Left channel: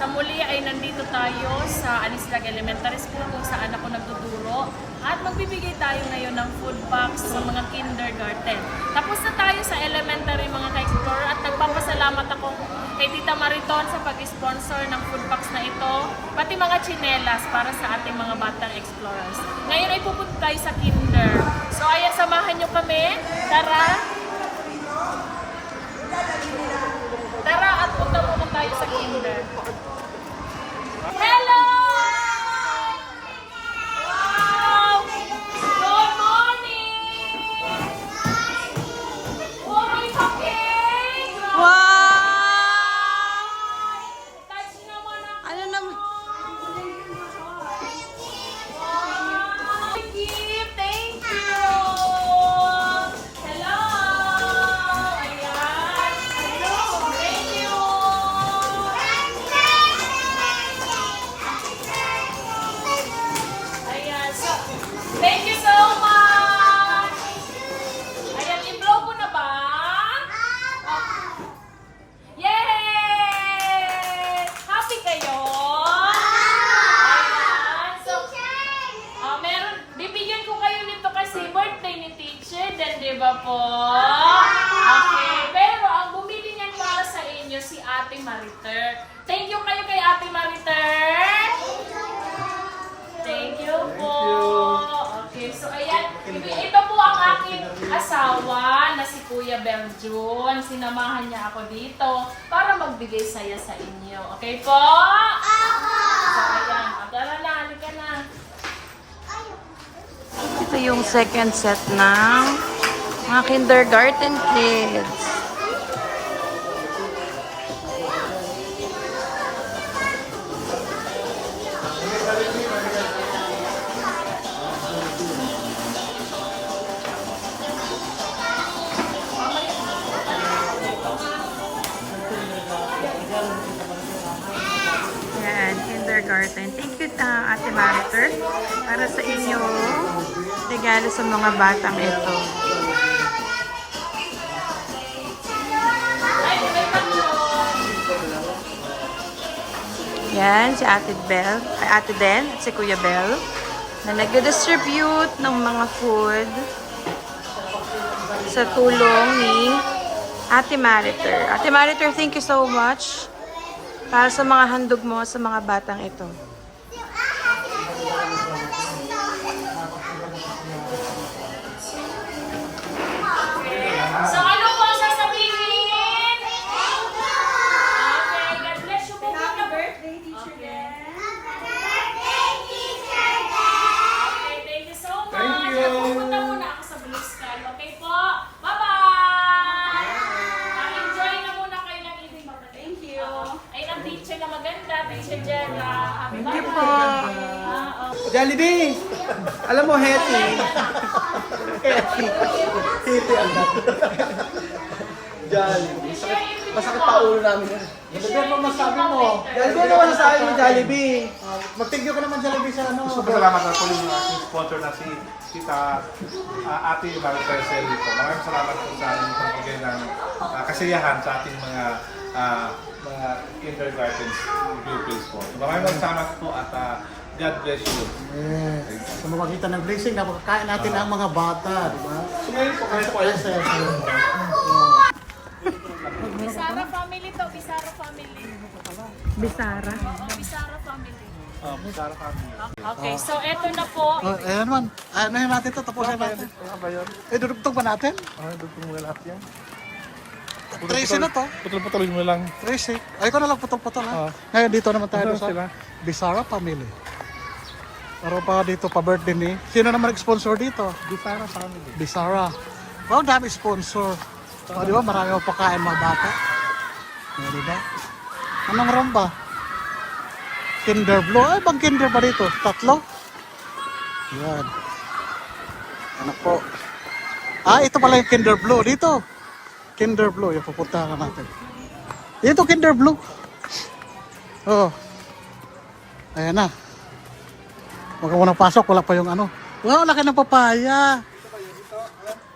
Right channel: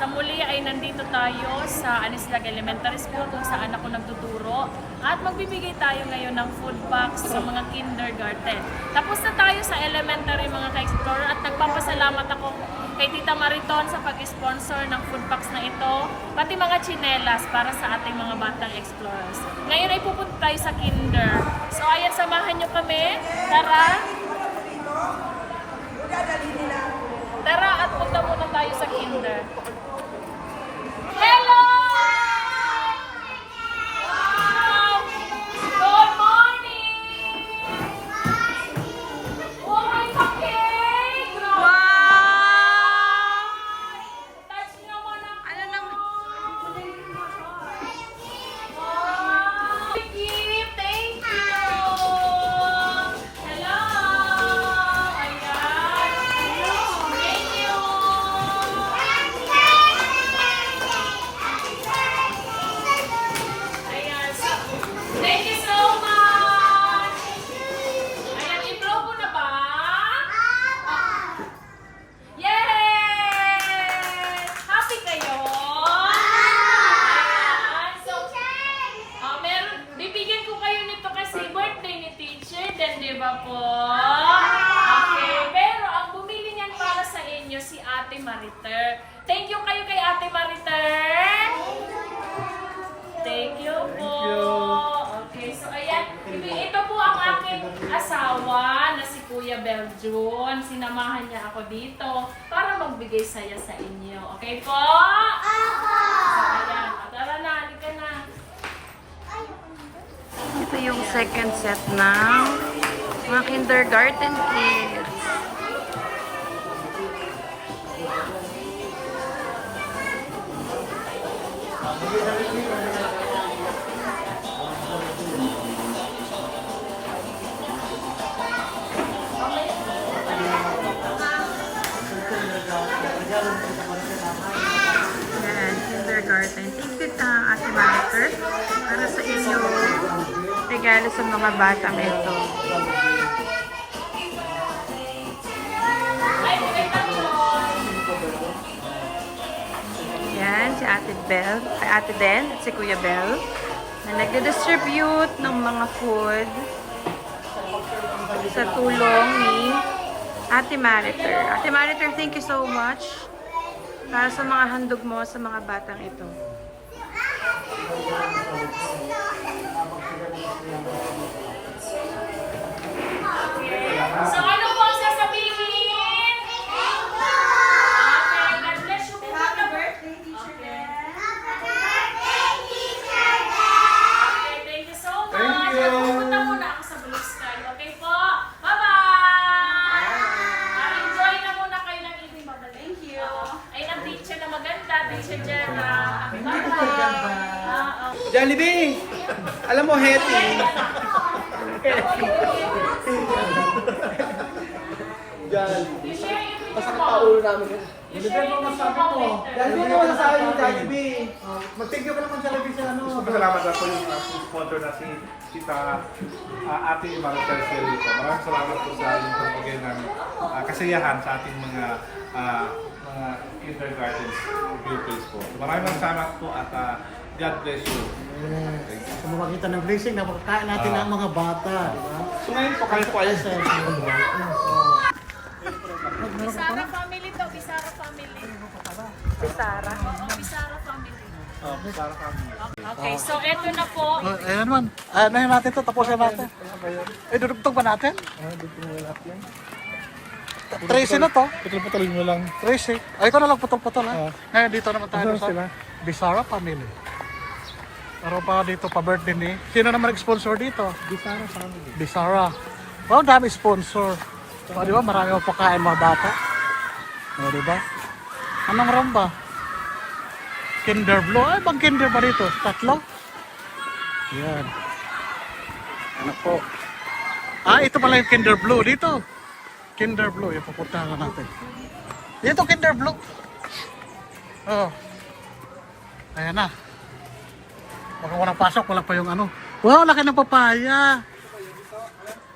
Sa muli ay nandito tayo sa Anislag Elementary School kung saan ako nagtuturo at magbibigay tayo ngayon ng food box sa mga kindergarten. Tapos na tayo sa elementary mga ka-explorer at nagpapasalamat ako kay Tita Mariton sa pag-sponsor ng food box na ito, pati mga tsinelas para sa ating mga batang explorers. Ngayon ay pupunta tayo sa kinder. So ayan, samahan nyo kami. Tara! Tara at punta muna tayo sa kinder. Hello! Wow! Good morning! Wow, it's okay! Wow! Touch naman ako! Ano naman? Wow! Gift! Thank you! Hello! Ayan! Thank you! Ayan, so, thank you so much! Ayan, i-blow ko na ba? Yes! Happy kayo? Ayan, so, meron, bibigyan ko kayo nito kasi birthday ni teacher din, di ba po? Okay, pero ang bumili niyan para sa inyo si Ate Mariter. Thank you kayo kay Ate Mariter. Thank you po. Okay, so ayan. Ito po ang aking asawa na si Kuya Beljon. Sinamahan niya ako dito para magbigay saya sa inyo. Okay po? So ayan. Tara na, halika na. Ito yung second set ng mga kindergarten kids. Yan, kindergarten. Thank you Ate Mariter para sa inyo regalo sa mga batang ito. Yan, si Ate Bell, ay Ate Den at si Kuya Bell na nagde-distribute ng mga food sa tulong ni Ate Mariter. Ate Mariter, thank you so much para sa mga handog mo sa mga batang ito. So ano po sasabihin? Okay, God bless you po. Happy birthday, Teacher Den. Okay, thank you so much. Thank you. Pupunta muna ako sa Blue Sky. Okay po? Bye-bye! Enjoy na muna kayo ng evening. Bye-bye. Thank you. Ay, ang teacher na maganda. Teacher Jenna. Bye-bye. Jollibee! Alam mo, Hetty. Jollibee. Masakit pa ulo namin yan. Bigyan mo masabi mo. Jollibee naman sa akin yung Jollibee. Mag-thank you ka naman Jollibee sa ano. Gusto ko salamat ako yung aking sponsor na si Ate Mariter dito. Maraming salamat po sa inyong pagbigay ng kasiyahan sa ating mga kindergarten pupils po. So, maraming salamat po at God bless you. Yes. Sa magitan ng blessing na makakain natin ang mga bata. Ngayon po kayo po ayos na Bisara family to. Bisara family. Bisara. Oo, Bisara family. Para kami. Okay, so eto na po. Ayan man. Anahin natin ito. Tapusin natin. Ano ba yan? Dudugtog ba natin? Dugtong mo lahat yan. Tracy na to. Putol-putol mo lang. Tracy. Ay, ito na lang putol-putol ha. Ngayon dito naman tayo Saan sila? sa Bisara family. Pero pa dito pa birthday ni. Sino naman nag-sponsor dito? Bisara family. Bisara. Wow, dami sponsor. O, di ba? Marami mo pagkain mga bata. O, di ba? Anong ram ba? Kinder Blue. Ay, bang Kinder ba dito? Tatlo? Yan. Ano po? Ah, ito pala yung Kinder Blue. Dito. Kinder Blue. Yung pupuntahan natin. Dito, Kinder Blue. Oh. Ayan na. Huwag mo nang pasok. Wala pa yung ano. Wow, laki ng papaya.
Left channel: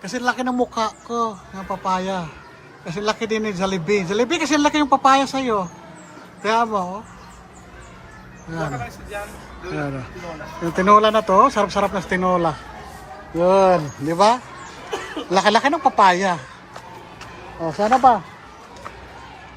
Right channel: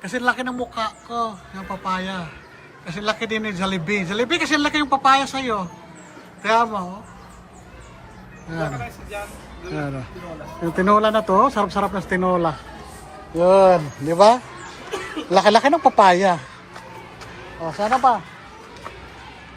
Kasi laki ng mukha ko ng papaya. Kasi laki din ni Jollibee. Jollibee kasi laki yung papaya sa'yo. Kaya mo, Yan. Yan. Yung tinola na to, sarap-sarap na tinola. Yun, di ba? Laki-laki ng papaya. O, sana pa.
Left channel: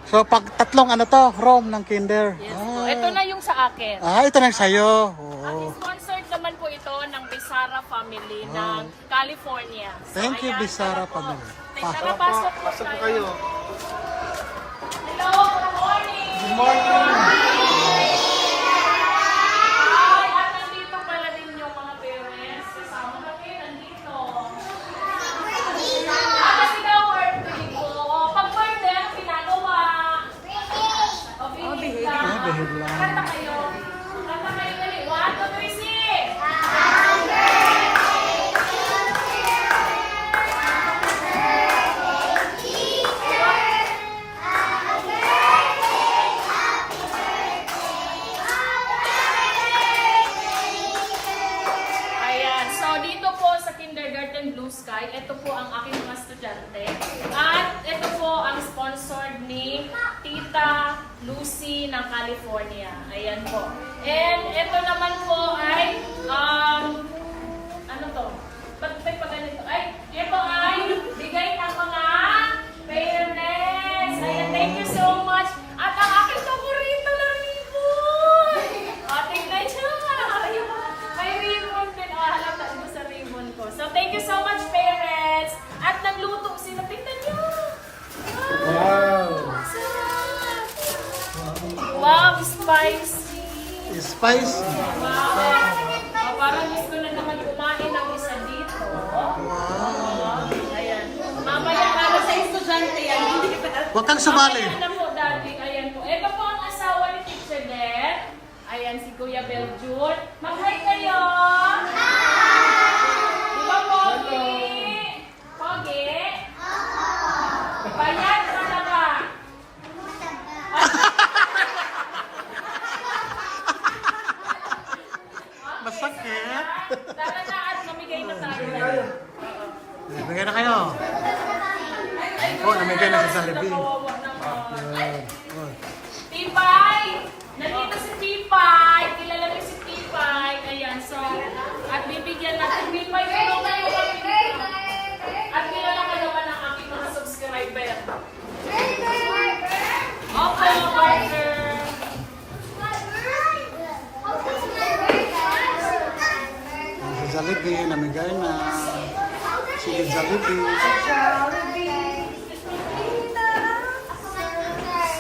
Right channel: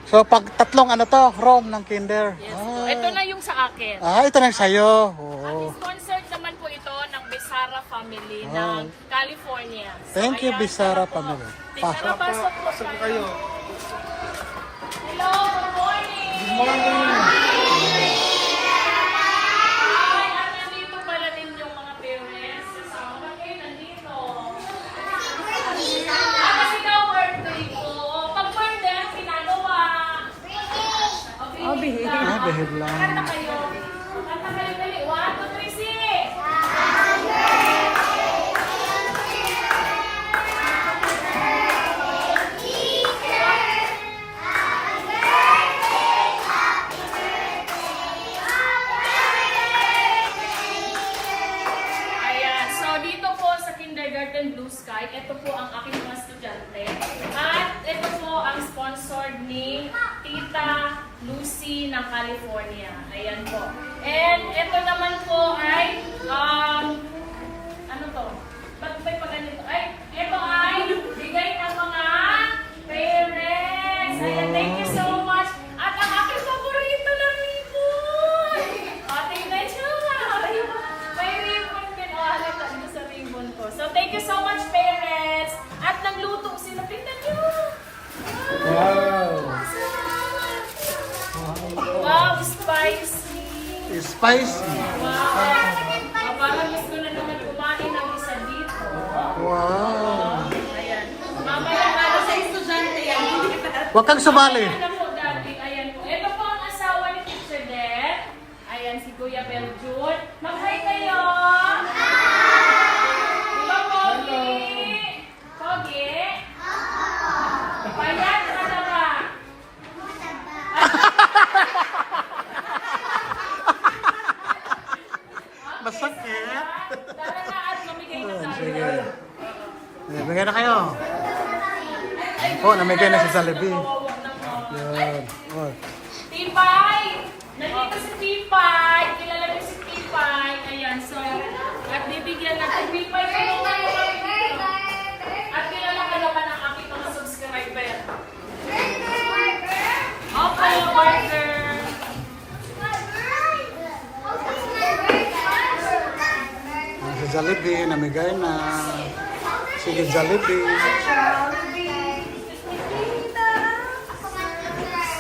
So, pag tatlong ano to, Rome ng Kinder. Ito na yung sa akin. Ito na sa'yo. Oo. Sponsored naman po ito ng Bisara family ng California. So, Thank you, ayan. Bisara family. Tara, pasok po tayo. Hello, good morning! Good morning! Ay, at nandito pala din yung mga parents. Kasama kami nandito. Kasi daw birthday ko. Pag birthday, ang pinagawa. Behave lang. Behave lang. Kanta kayo. Kanta kayo dali. 1, 2, 3, 6! Ayan. So, dito po sa Kindergarten Blue Sky, ito po ang aking mga estudyante. At ito po ang sponsored ni Tita Lucy ng California. Ayan po. And ito naman po ay, ano to? Ba't tayo pa ganito? Ay, ito ay bigay ng mga parents. Ayan, thank you so much. At ang aking paborito na ribbon. Tingnan nyo nga. May ribbon din. Halata nyo sa ribbon ko. So, thank you so much, parents. At nagluto sila. Tingnan nyo. Wow. Wow, spicy. Spicy. Wow. Parang gusto na naman kumain ng isa dito. Wow. Ayan. Mamaya para sa estudyante yan. Huwag kang sumali. Ayan na po, Daddy. Ayan po. Ito po ang asawa ni Teacher Deb. Ayan si Kuya Beljun. Mag-hi kayo. Di ba, Pogi? Pogi? Payat ka na ba? Masakit. Tara na at mamigay na tayo. Namigay na kayo. Namigay na si Jollibee. Kawawa naman. Yun. Oh. Pipay! Nandito si Pipay! Kilala niyo si Pipay. Ayan, so, at bibigyan natin Pipay. Tulungan mo kami dito. At kilala ka naman ang aking mga subscriber. Okay, partner. Si Jollibee, namigay na. Sige, Jollibee.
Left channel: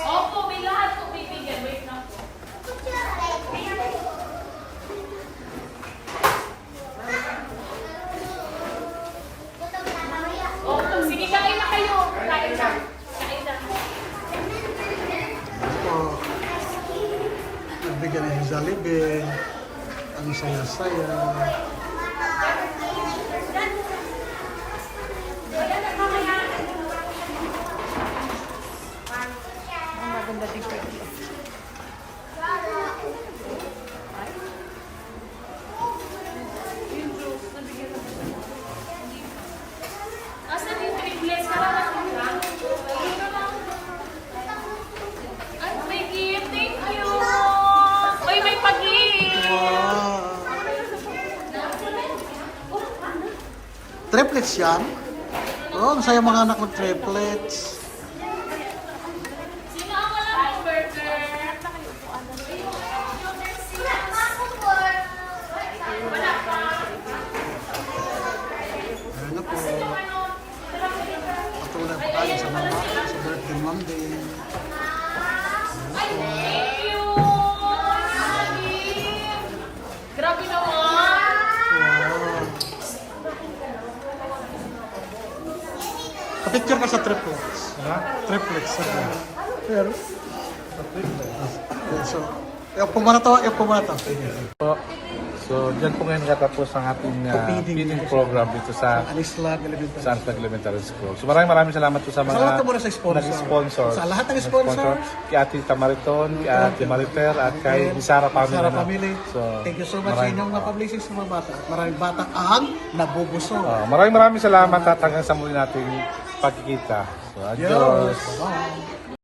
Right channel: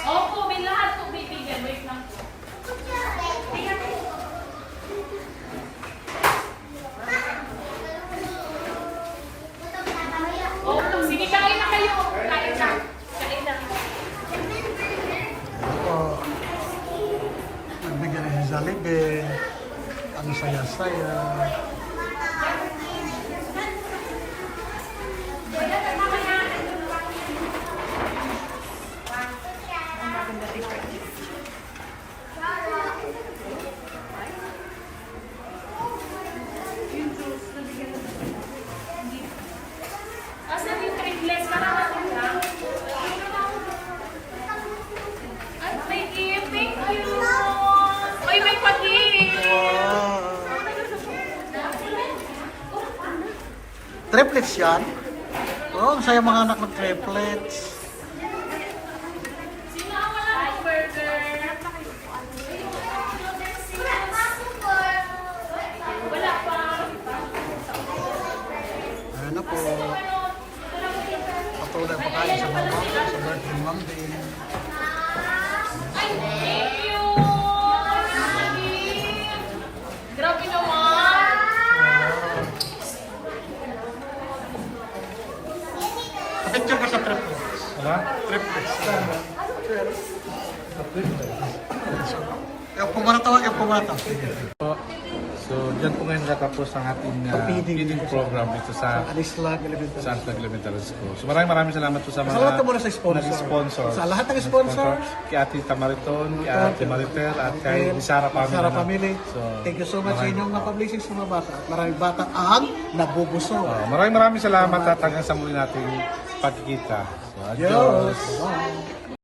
Opo, may lahat po bibigyan. Wait lang po. Opo, sige, kain na kayo. Kain na. Kain na. Opo. Nagbigyan na si Jollibee. Ang saya-saya. Asa dito English para matulog? At may gift, thank you. Oy, may pag-gift. Wow. Triplets yan? Oo, ang saya mga anak ng triplets. Sino ang walang burger? Wala pa. Ayan na po. Patuloy pa kayo sa mama, sa birthday mom din. Ay, thank you. Grabe naman. Wow. Picture ka sa triplets. Ha? Triplets. Here. So, yung pumana to, yung pumana to. So, dyan po ngayon nakatapos ang ating feeding program dito sa Anislag Elementary. Anislag Elementary School. So, maraming salamat po sa mga Salamat muna sa sponsor. nag-sponsor. Sa lahat ng sponsor. Kay Ate Tamariton, kay Ate Marifer, at kay Bisara Family. Bisara na. Family. So, Thank you so much sa inyong na-publishing sa mga bata. At maraming bata ang nabubusog. maraming salamat at hanggang sa muli nating pagkikita. So, adios. Bye.